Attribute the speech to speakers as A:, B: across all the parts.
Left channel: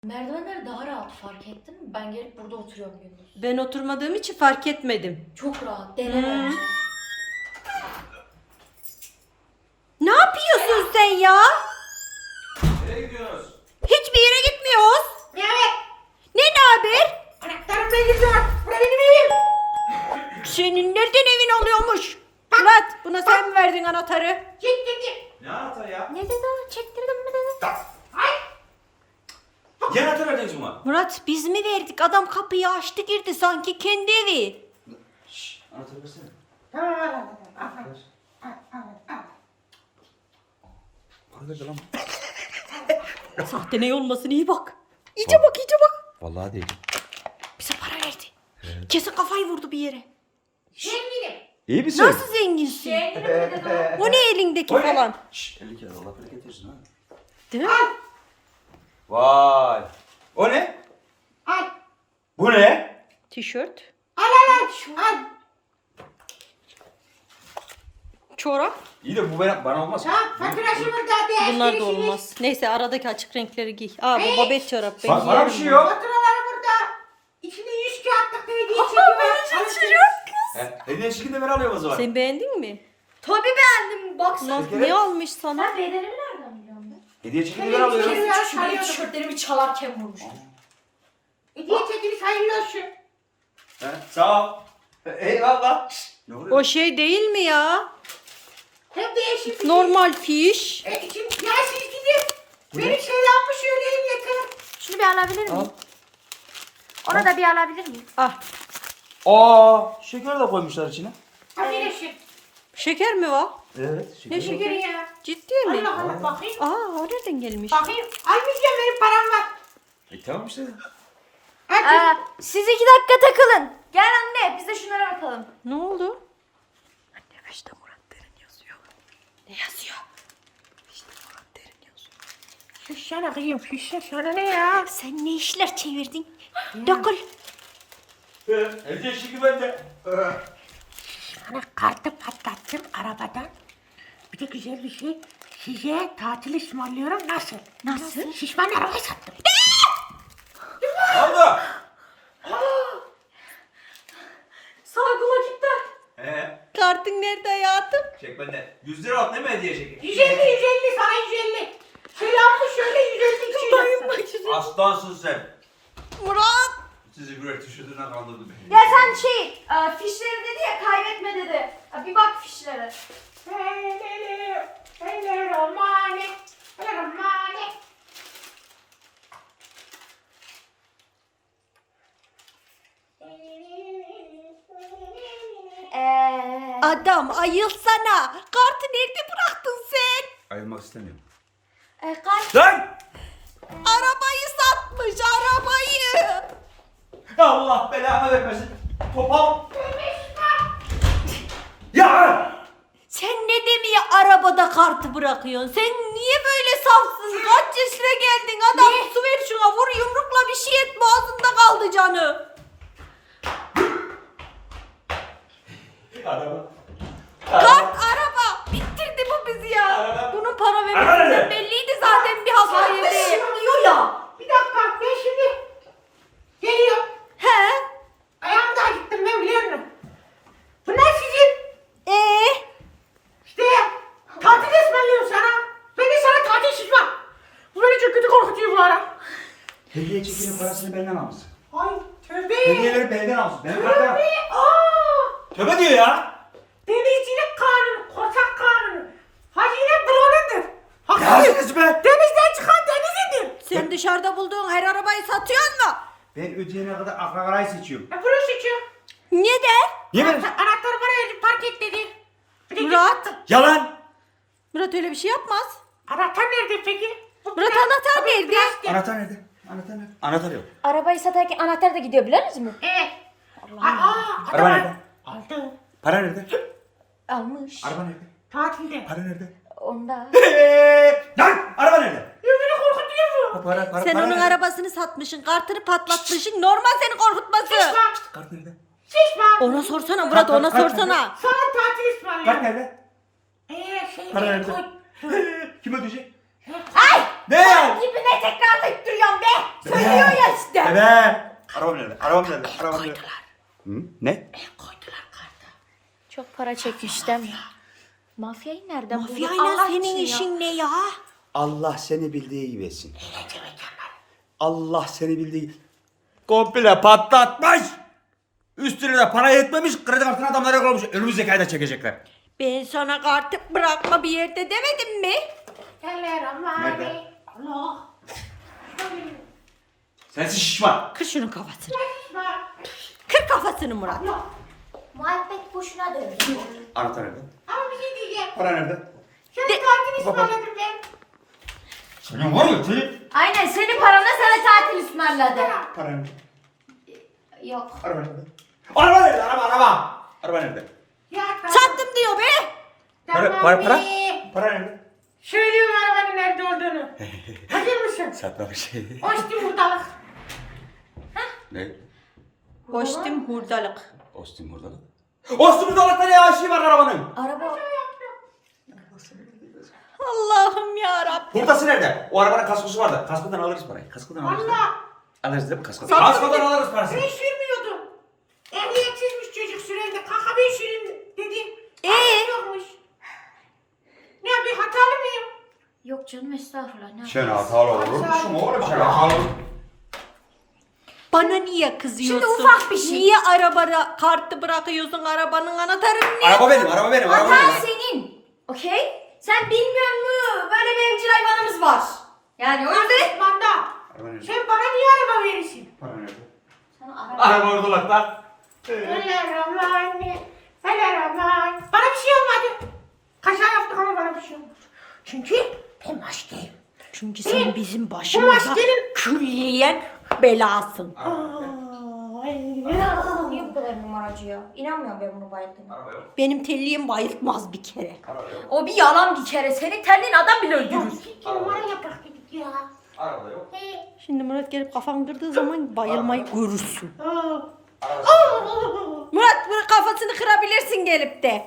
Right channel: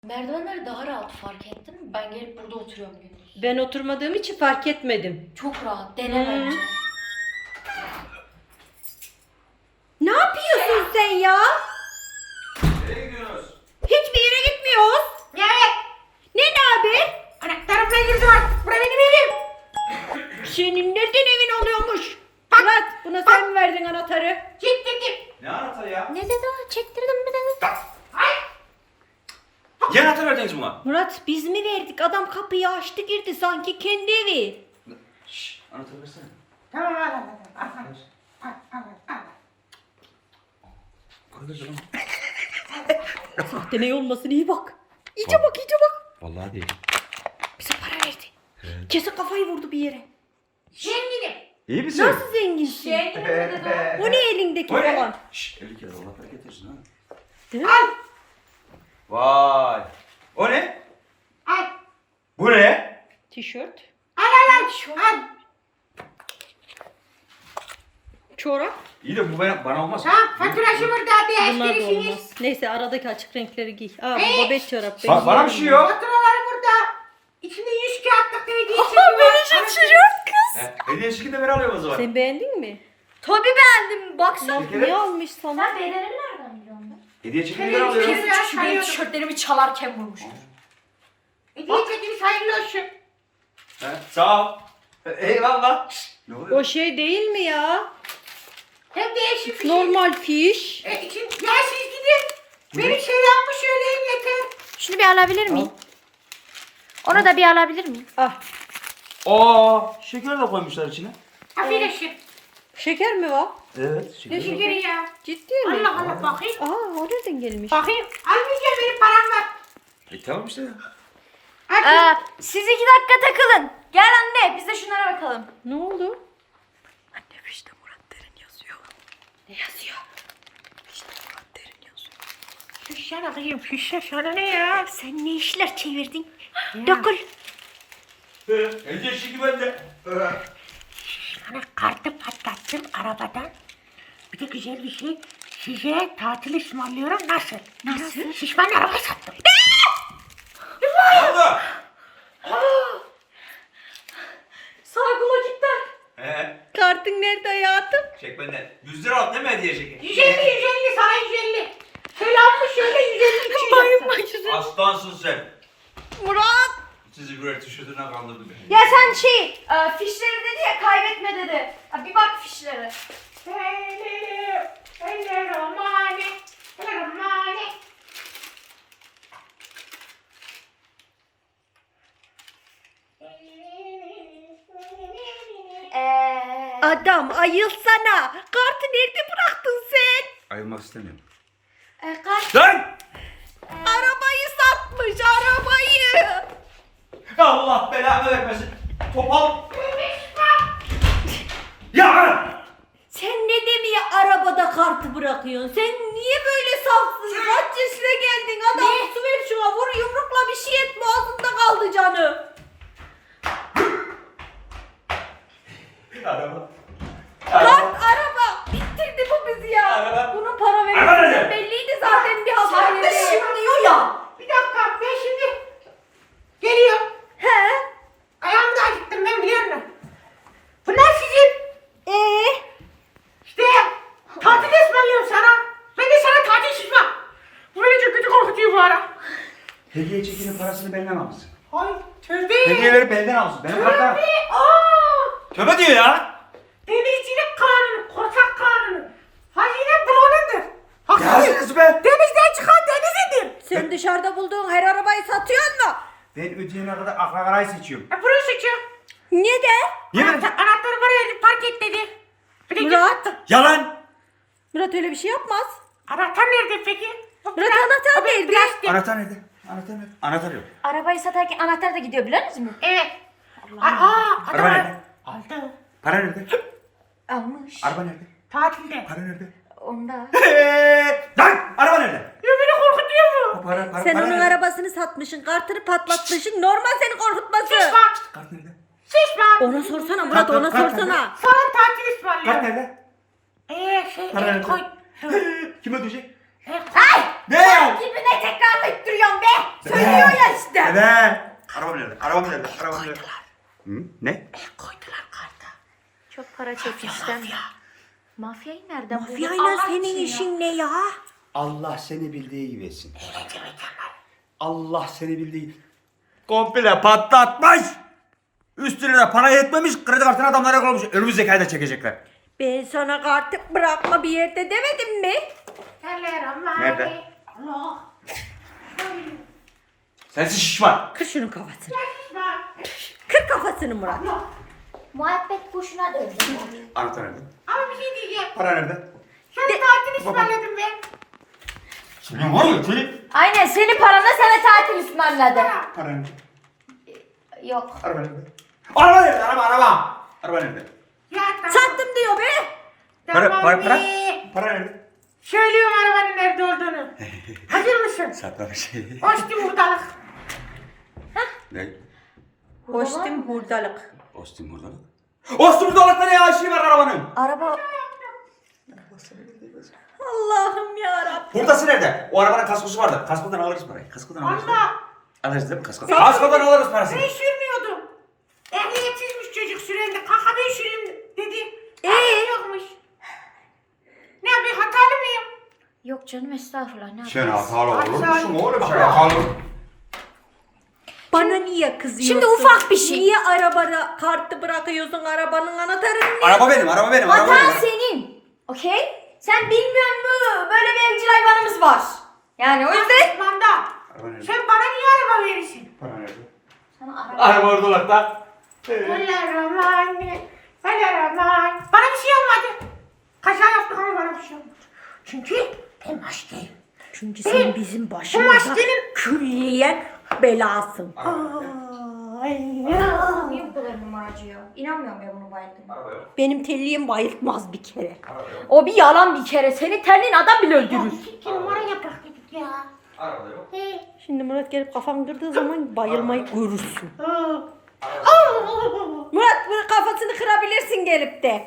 A: Merdivenleri daha rahat fark ettin mi? Ben gelip burada oturuyorum gündüz.
B: Ben oturmadığım için fark etmedim.
A: Çok rahat. Dene bence.
B: Ne yapıyorsun sen ya?
C: Nereye gidiyorsunuz?
B: Hiçbir yere gitmiyoruz.
D: Evet.
B: Ne haber?
D: Anahtarımla girdiler. Bura benim evim.
B: Senin nereden evin oluyormuş? Murat, buna sen mi verdin anahtarı?
D: Çektirdim.
C: Ne anahtarı ya?
A: Ne dedi o? Çektirdim mi dedi?
D: Ay.
C: Ne anahtar verdiniz buna?
B: Murat, biz mi verdik? Adam kapıyı açtı girdi sanki kendi evi.
C: Şşş, anahtarı versene.
D: Tamam al.
C: Arkadaş lan.
B: Sahte ne olmasın iyi bak. İyice bak, iyice bak.
C: Vallahi değil.
B: Bize para verdi. Kesin kafayı vurdu bir yere.
D: Zenginim.
C: İyi misin?
B: Nasıl zenginsin?
A: Şey mi dedi o?
B: O ne elindeki
C: O ne?
B: falan?
C: Şşş, 50 kere Allah bereket versin ha.
B: Değil mi?
C: Vay. O ne?
D: Al.
C: Bu ne?
B: Tişört,
D: Al.
B: çorap.
C: İyi de bu bana olmaz.
D: Tamam faturası burada. Bir
B: Bunlar da
D: esprisi.
B: olmaz. Neyse aradaki açık renkleri giy. Aa bu babet çorap. Ben
C: Bana bir
B: giyerim
C: şey
B: bunu.
C: yok.
D: Faturaları burada. İçinde 100 kağıtlık hediye çeki
B: Aa,
D: var.
B: beni şaşırıyor kız.
C: Hediye şekilde ver alıyoruz o zaman.
B: Sen beğendin mi?
A: Tabii beğendim. Baksana.
B: Lan ne almış sana?
A: Sen beğeneni nereden biliyorsun ben?
C: Hediye şekilde ver
D: Hediye
C: alıyoruz.
D: şekilde-
A: Kesin şu benim
D: sayıyorum.
A: tişörtlerimi çalarken vurmuştur.
D: Hediye çekiniz hayırlı olsun.
C: Ha, sağ ol. Eyvallah. Şşş, ne oluyor?
B: O şey değil mi ya?
D: Hem değişik bir şey.
B: Normal fiş.
D: Şimdi ya siz gidin. Benim selamımı söyleyin yeter.
A: Şunu bir alabilir miyim? Onu da bir alabilir miyim?
B: Ah
C: Aa, şeker de koymuşlar içine.
D: Afiyet olsun.
B: şeker mi var?
C: Evet, şeker.
B: Ne şeker?
D: Şükür ya.
B: Ciddi mi?
D: Allah Allah bakayım.
B: Aa o nereden gelmiş?
D: Bakayım. Almayacağım benim param var.
C: Tamam işte.
D: Hadi.
A: Siz 2 dakika takılın. Gel anne biz de şunlara bakalım.
B: Ne oldu?
A: Anne işte Murat Derin yazıyor.
B: Ne yazıyor?
A: İşte Murat Derin yazıyor.
D: Şişsene kızım şişse sana ne ya?
B: Sen ne işler çevirdin? Dokul.
C: Hediye şekli bende.
D: Bana kartı patlattım arabadan. Bir de güzel bir şey. Size tatil ısmarlıyorum nasıl? Nasıl? Şişman araba sattım.
C: Ne oldu?
A: Sağ kula gitti.
B: Kartın nerede hayatım?
C: Çek benden. 100 lira al değil mi hediye şekli?
D: 150 sana 150. Selamı söyle 150 için
B: Bayılma
D: yaptım.
B: yüzü.
C: Aslansın sen.
B: Murat.
C: Sizi birer tişörtüne kaldırdım.
A: Ya sen fişleri dedi ya kaybetme dedi. Bir bak fişlere.
D: Romane.
B: Adam ayılsana. Kartı nerede bıraktın sen?
C: Ayılmak istemiyorum.
A: Kaç?
C: Lan!
B: Arabayı satmış arabayı.
C: Allah belanı vermesin. Topal. Ya!
B: Sen ne demeye arabada kartı bırakıyorsun? Sen niye böyle safsın? Kaç yaşına geldin? Adam su ver şuna vur yumrukla bir şey et boğazında kaldı canı.
C: Araba.
B: Kart araba. Bitirdi bu bizi ya.
C: Araba.
B: Bunun para
C: Araba
B: vermesinden
C: nerede?
B: belliydi zaten bir hafta yedi.
D: diyor ya. Bir dakika ben şimdi geliyorum.
B: He?
D: Ayağımı da acıttım ben biliyor musun? Bunlar sizin. İşte tatil ısmarlıyorum sana. Ben de sana tatil şişmem. Bu beni çok kötü korkutuyor bu ara.
C: Hediye çekinin parasını benden almışsın.
D: Ay tövbe.
C: Hediyeleri benden almışsın. Benim kartlar.
D: Tövbe. Aa.
C: Tövbe diyor ya.
D: Denizcilik kanunu, korsak kanunu. Hazine bulunandır. Haksız.
C: Yalnız be.
D: Denizden çıkan denizidir.
B: Sen dışarıda bulduğun her arabayı satıyor mu?
C: Ben ödeyene kadar akla seçiyorum.
D: Burası seçiyor.
B: Neden?
C: Niye ben?
D: Anahtarı buraya verdim, park et dedi. Bir de
B: Murat.
D: sattı.
C: Yalan.
B: Murat öyle bir şey yapmaz.
D: Anahtar nerede peki?
B: Murat anahtar nerede?
C: Anahtar nerede? Anahtar nerede? Anahtar yok.
A: Arabayı satarken anahtar da gidiyor biliyor musun?
D: Evet.
C: Araba nerede?
D: Aldı.
C: Para nerede?
A: Almış.
C: Araba nerede?
D: Tatilde.
C: Para nerede?
A: Onda.
C: Lan! Araba nerede?
D: Ya beni korkutuyor bu.
C: Para,
B: Sen
C: para
B: onun
C: nerede?
B: arabasını satmışsın, kartını patlatmışsın. Normal seni korkutması.
D: Şişman.
C: Kart nerede?
D: Şişman.
B: Ona sorsana Murat, ona
C: Kalk, kalk,
B: sorsana.
D: Sana tatil
C: Kart
D: ısmarlıyorum.
C: nerede?
D: Şey
C: Para
D: el
C: nerede?
D: koy.
C: Kim ödeyecek?
A: Ay!
C: Ne?
A: Gibi ne tekrarlayıp duruyorsun be? Söylüyor ya işte.
C: Evet. Arabam nerede? Arabam nerede? Arabam nerede? Hı? Ne?
D: Koydular karta.
B: Çok para çekmişler. Mafyayı nereden buldun? Mafyayla
A: Allah
B: senin
A: için ya.
B: işin ne ya?
C: Allah seni bildiği gibi etsin. Allah seni bildiği komple patlatmış. Üstüne de para yetmemiş. Kredi kartını adamlara koymuş. Önümüzdeki ayda çekecekler.
B: Ben sana kartı bırakma bir yerde demedim mi?
C: Nerede?
D: Allah.
C: Sensin şişman.
B: Kır şunun kafasını. Kır kafasını Murat.
A: Muhabbet boşuna döndü.
C: Anahtar nerede?
D: Ama bir şey diyeceğim.
C: Para nerede?
D: Sen tatil ısmarladın ben.
C: Senin var mı? Senin.
A: Aynen senin paranla sana tatil ısmarladım.
C: Para nerede?
A: Yok.
C: Araba nerede? Araba nerede? Araba. Araba nerede?
D: Ya tamam.
B: Sattım diyor be.
C: Para.
D: be.
C: Para nerede?
D: Söylüyorum arabanın nerede olduğunu. Hazır mısın?
C: Satmamış.
D: Açtım hurdalık.
C: Ne?
B: Kostüm hurdalık.
C: Ostim buradalık. Ostim buradalıkta ne ya? Şey var arabanın.
A: Araba...
B: Allah'ım yarabbim.
C: Hurdası nerede? O arabanın kaskosu vardı. Kaskodan alırız parayı. Kaskodan alırız.
D: Allah.
C: Alırız değil mi kaskodan? Kaskodan alırız parasını.
D: Ben sürmüyordum. Ehliyetsizmiş çocuk sürende. Kalk ben süreyim dedi. Yokmuş. Ne bir hatalı mıyım?
A: Yok canım estağfurullah. Ne
C: Sen hatalı olur
D: Hatalı.
C: musun oğlum? Sen hatalı.
B: Bana niye kızıyorsun?
A: Şimdi ufak bir şey.
B: Niye arabada kartı bırakıyorsun? Arabanın anahtarını niye?
C: Araba benim, araba benim, araba
A: Hata
C: benim.
A: senin. Okey? Sen bilmiyor musun? Böyle bir evcil hayvanımız var. Yani o yüzden...
D: Manda.
C: Araba nerede?
D: Sen bana niye araba verirsin?
C: Araba nerede?
A: Sana araba...
C: Araba oradalıkta.
D: Aman. Bana bir şey olmadı. Kaza yaptık ama bana bir şey olmadı. Çünkü ben maskeyim.
B: Çünkü sen bizim başımıza
D: maskenin-
B: külliyen belasın.
D: Ay ya.
A: Niye bu kadar numaracı ya? İnanmıyorum ben bunu bayıldığına.
C: Araba yok.
B: Benim telliğim bayıltmaz bir kere.
A: O bir yalan bir kere. Senin terliğin adam bile öldürür.
D: İki numara yapak dedik ya.
C: Araba yok.
B: Şimdi Murat gelip kafan kırdığı zaman bayılmayı görürsün.
D: Aa.
B: Murat bunu kafasını kırabilirsin gelip de.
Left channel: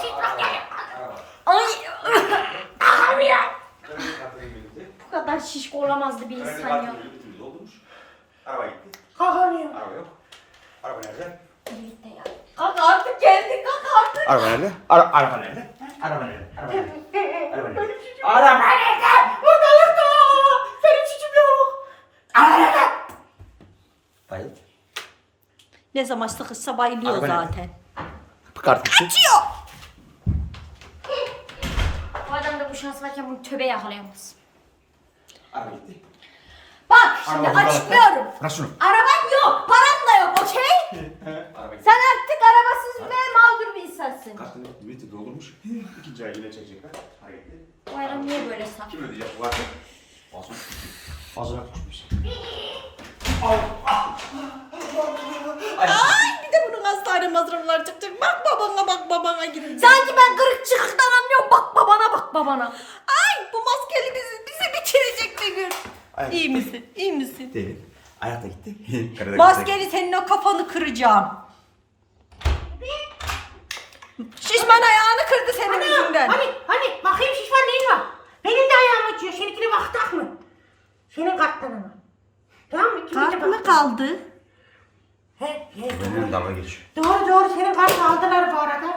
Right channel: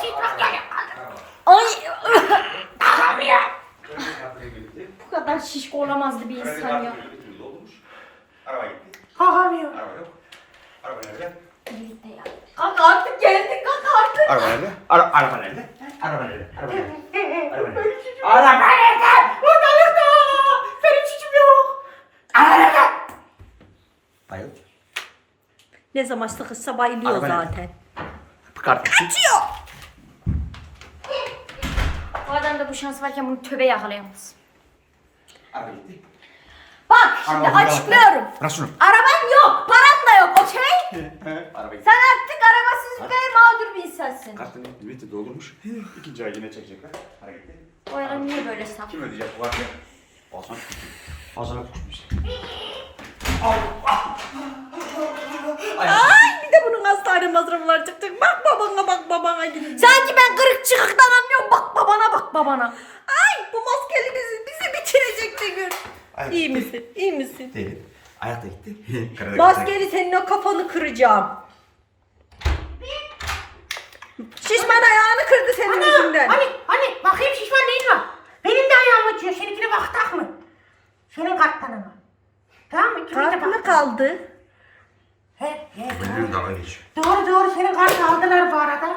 A: Ay!
D: Ağır ya.
A: Bu kadar şişko olamazdı bir insan ya.
C: Araba gitti.
D: Kalkamıyorum.
C: Araba yok. Araba nerede?
A: Birlikte ya. Kalk artık geldik kalk artık.
C: Araba nerede? Araba nerede? Araba nerede? Araba nerede? Araba nerede? Araba nerede?
D: Ortalıkta. Benim suçum yok.
C: Bayıl.
B: Ne zaman sıkışsa bayılıyor
C: Araba nerede?
B: zaten.
C: Kart.
B: Kaçıyor.
A: Bu adamda bu şans varken bunu töbe yakalayamaz.
C: Araba gitti.
A: Bak şimdi
C: Araba burada.
A: açıklıyorum.
C: Bırak şunu.
A: Araban yok, paran da yok, okey?
C: Araba gitti.
A: Sen artık arabasız ve mağdur bir insansın.
C: Kartını limiti doldurmuş. İkinci ay yine çekecekler. Hareketli.
A: Bu arada niye böyle saf?
C: Kim ödeyecek bu kartı? Ağzına küçük. Ağzına küçükmüş.
B: Ay bir de bunun hastane masrafları çıkacak. Bak babana gidin.
A: Sanki ben kırık çıkıktan anlıyorum. Bak babana bak babana.
B: Ay bu maskeli bizi bitirecek de gör.
C: Ay.
B: İyi misin? İyi misin?
C: Değil. Ayak da gitti. Karı da
B: Maskeli senin o kafanı kıracağım. Şişman ayağını kırdı senin yüzünden.
D: Hani bakayım şişman neyin var? Benim de ayağım acıyor. Seninkine baktak mı? Senin karttan ama. Tamam mı? İkimiz de
B: Kart mı
D: baktık.
B: kaldı?
D: He,
C: Benimle dalga geçiyor.
D: doğru senin kartı aldılar bu arada.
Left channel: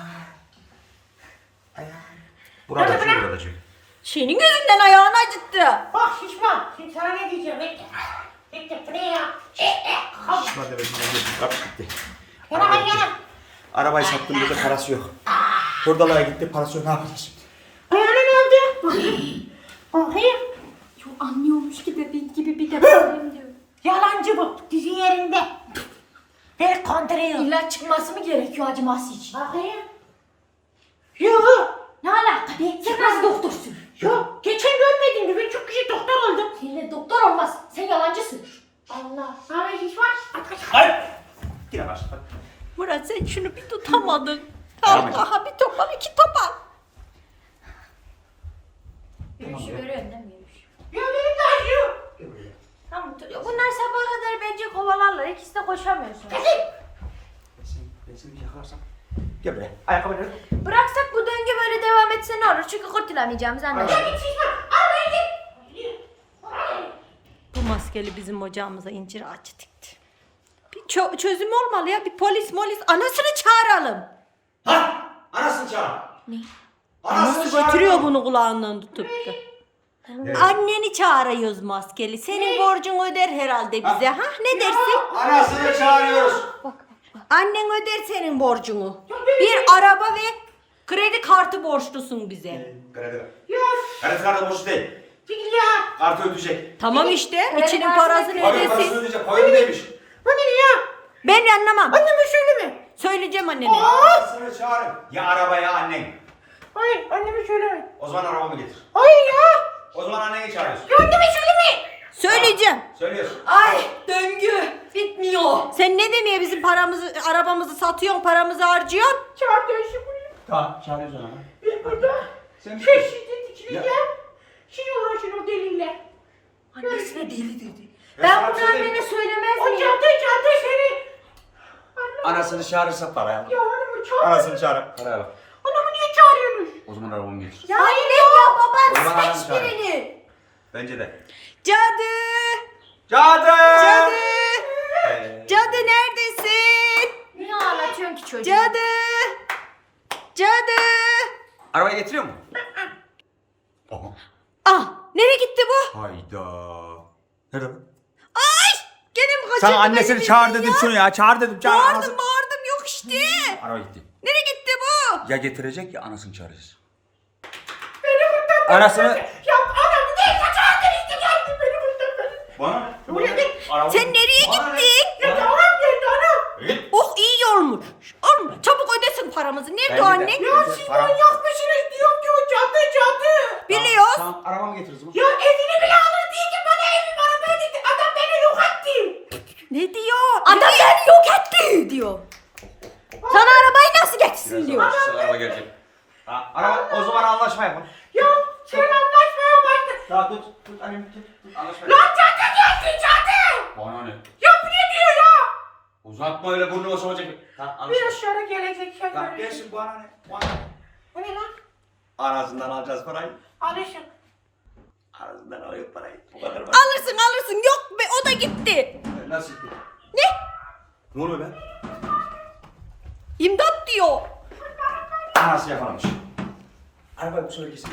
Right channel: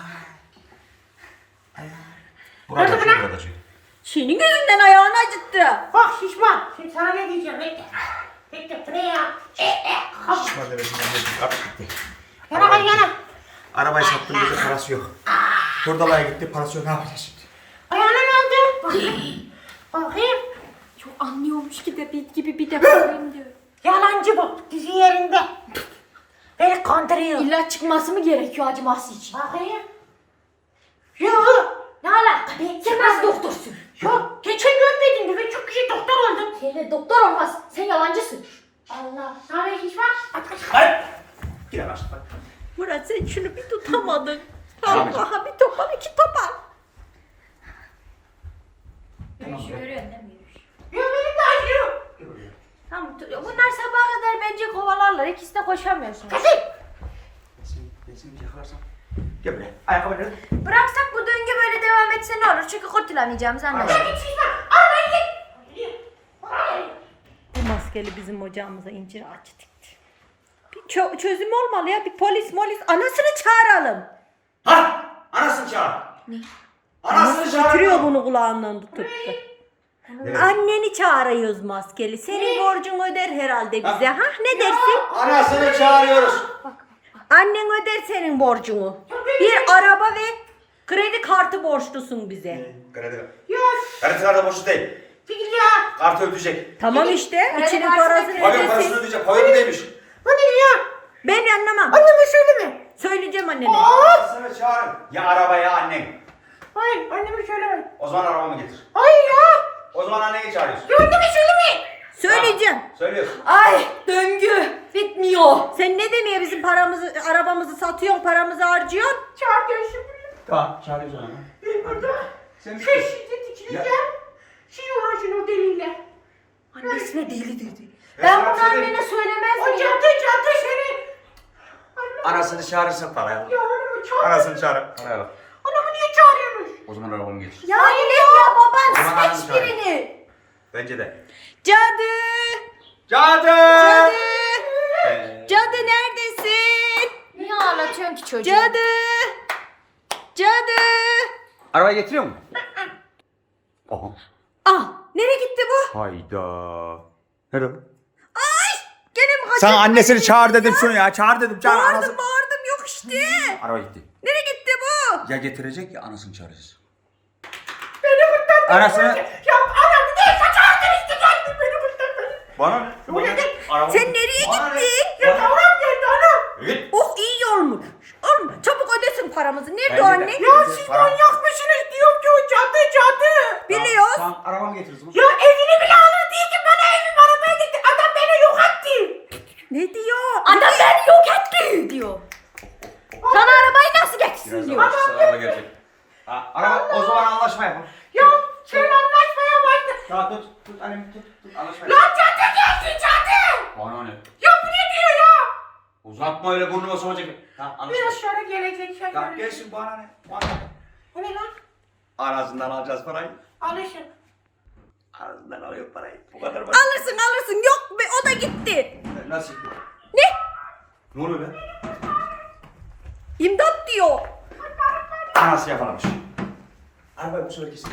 C: Burada
D: Nerede
C: çek,
D: lan?
C: burada çek.
B: Senin yüzünden ayağını acıttı.
D: Bak şişman. Şimdi sana ne diyeceğim? Bekle. Bekle. Bu ne ya?
C: Şişman bebesinden bir kart gitti.
D: Yana ben yana.
C: Arabayı sattım dedi parası yok. Hurdalaya gitti parası yok ne yapacağız şimdi?
D: Ayağına ne oldu? Bakayım. Bakayım.
A: Çok anlıyormuş gibi bir de bakayım diyor.
D: Yalancı bu. Dizi yerinde. Beni kandırıyor.
A: İlla çıkması mı gerekiyor acıması için?
D: Bakayım. Yok.
A: Ne alaka? Sen nasıl doktorsun?
D: Yok. Geçen görmedin mi? Ben çok güzel doktor oldum.
A: Seninle doktor olmaz. Sen yalancısın. Allah.
D: Ne haber şişman?
C: Lan! Yine başla.
B: Murat sen şunu bir tutamadın.
C: Tamam.
B: Allah'a bir topan iki topan.
A: Yürüyüşü görüyorsun değil mi? Yürüyüş.
D: Yok benim de acıyor.
A: Tamam. Bunlar sabaha kadar bence kovalarlar. İkisi de koşamıyorsun.
D: Kesin.
C: Ben seni bir yakalarsam. Gel buraya. Ayakkabı nerede?
A: Bıraksak bu döngü böyle devam etse ne olur? Çünkü kurtulamayacağımızı anladım.
D: Git şişman. Arabayı
B: maskeli bizim ocağımıza incir ağacı dikti. Bir çözüm olmalı ya. Bir polis anasını çağıralım.
C: Ha! Anasını çağır. Ne?
B: Nasıl götürüyor bunu kulağından tutup da.
C: Evet.
B: Anneni çağırıyoruz maskeli. Senin borcun öder herhalde bize. Ha ne dersin?
C: Anasını çağırıyoruz.
B: Annen öder senin borcunu. Bir araba ve kredi kartı borçlusun bize.
C: Kredi.
D: Ya
C: Kredi kartı borçlu değil.
D: değil ya.
C: Kartı ödeyecek.
B: Tamam işte.
A: Kredi
B: içinin
A: kartı
B: parasını
C: Pavyonun parasını
B: ödesin.
C: ödeyecek. Pavyon ödeymiş.
D: Bu ne ya?
B: Ben anlamam.
D: Anneme söyleme.
B: Söyleyeceğim annene.
C: Anasını çağırın. Ya araba ya annen.
D: Hayır anneme söyleme.
C: O zaman arabamı getir.
D: Hayır ya.
C: O zaman anneni çağırıyorsun.
D: Ya anneme söyleme.
B: Söyleyeceğim.
C: Söylüyorsun.
A: Ay döngü bitmiyor.
B: Sen ne demeye bizim paramızı, arabamızı satıyorsun, paramızı harcıyorsun?
D: Çağır gelsin buraya.
C: Tamam çağırıyorsun ama.
D: Ben burada.
C: Sen bir
D: Şey şiddet içineceğim.
C: Ya.
D: Siz uğraşın o deliyle.
A: Annesine deli dedi.
C: Ben
A: Ben
C: sana
A: bunu
C: söyleyeyim.
A: anneme söylemez
D: O
A: miyim?
D: cadı seni.
C: Anasını çağırırsa paraya al.
D: Ya onu çağır.
C: Anasını çağır. Paraya al.
D: Onu niye çağırıyorsunuz?
C: O zaman arabamı getir.
A: Ya anne ya
C: O
A: baban
C: zaman ananı
A: seç
C: çağır.
A: birini.
C: Bence de.
B: Cadı!
C: Cadı!
B: Cadı!
C: Ee,
B: Cadı neredesin?
A: Niye ağlatıyorsun ki çocuğu?
B: Cadı! Cadı!
C: Arabayı getiriyor mu? Aha.
B: Ah! Nereye gitti bu?
C: Hayda. Nerede?
B: Ay! Gene mi kaçırdın?
C: Sen annesini
B: beni
C: çağır
B: bizden
C: dedim
B: ya?
C: şunu ya. Çağır dedim. Çağır.
B: Bağırdım yok işte.
C: Araba gitti.
B: Nereye gitti bu?
C: Ya getirecek ya anasını çağıracağız.
D: Beni kurtar.
C: Anasını...
D: Ya anam bir de çağırdın işte geldi beni kurtar.
C: Bana ne?
D: Buraya gel.
B: Sen nereye gittin?
D: Ya tamam geldi anam.
C: Git.
B: Oh iyi olmuş. Olmuş. Çabuk ödesin paramızı. Nerede
C: Bence
B: o
C: de.
B: annen?
D: Ya siz manyak mısınız diyorum ki o cadı.
B: Biliyoruz.
C: Tamam arabamı getir o zaman.
D: Ya evini bile alır diye ki bana evim arabaya gitti. Adam beni yok etti.
B: Ne diyor?
A: Adam beni yok etti diyor. Sana arabayı nasıl geçsin
C: Birazdan
A: diyor.
C: başlasın araba gelecek. Ha, araba o zaman anlaşma yapalım.
D: Ya sen anlaşmaya başladın.
C: Tamam tut annem tut anlaşma
D: Lan cadı geldi cadı.
C: Bana ne?
D: Ya bu ne diyor ya?
C: Uzatma öyle burnuma sokacak. Tamam anlaşma.
D: Biraz sonra gelecek sen
C: Tamam
D: göreceksin.
C: gelsin bana ne? Bana ne?
D: Bu ne lan?
C: Anasından alacağız parayı.
D: Alışın.
C: Anasından alıyor parayı. Bu kadar var.
B: Alırsın. Yok be o da gitti.
C: Nasıl?
B: Ne?
C: Ne oluyor be?
B: İmdat diyor.
C: Anası yakalamış. Arabayı bu sefer kesin.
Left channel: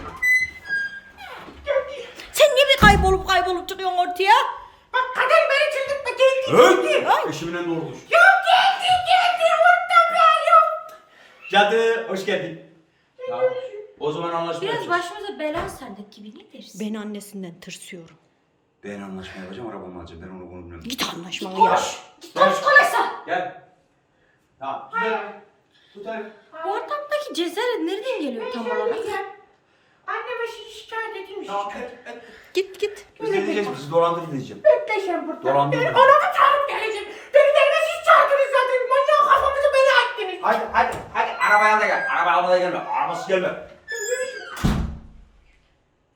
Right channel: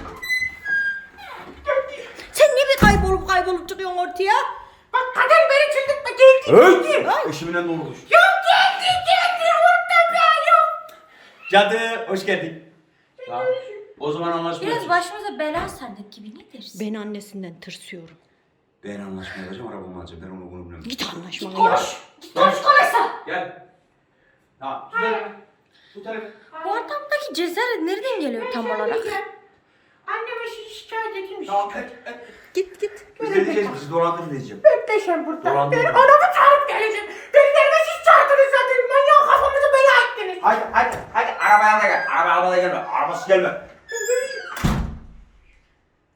B: Sen niye bir kaybolup çıkıyorsun ortaya?
D: Bak kadın beni çıldırtma geldi.
C: Hey! Eşimle ne olmuş?
D: Ya geldi orada be yok.
C: Cadı hoş geldin. Tamam. O zaman anlaşma
A: Biraz
C: yapacağız.
A: başımıza bela sardık gibi ne dersin?
B: Ben annesinden tırsıyorum.
C: Ben anlaşma yapacağım arabamı alacağım. Ben onu bilmiyorum.
B: Git anlaşmanı yap.
A: Git konuş konuşsa.
C: Gel. Tamam. Tut elimi. Tut elimi.
A: Bu adamdaki cesaret nereden geliyor tam olarak?
D: Anneme şikayet edeyim.
C: Tamam
B: Git.
C: Biz ne diyeceğiz? Bizi dolandırın diyeceğim.
D: Bekle sen burada.
C: Dolandım.
D: Ben anamı çağırıp geleceğim. Beni gelme siz çağırdınız zaten. Manyak kafamızı bela ettiniz.
C: Hadi arabaya al da gel. Arabaya almadan gelme. Arabasız gelme.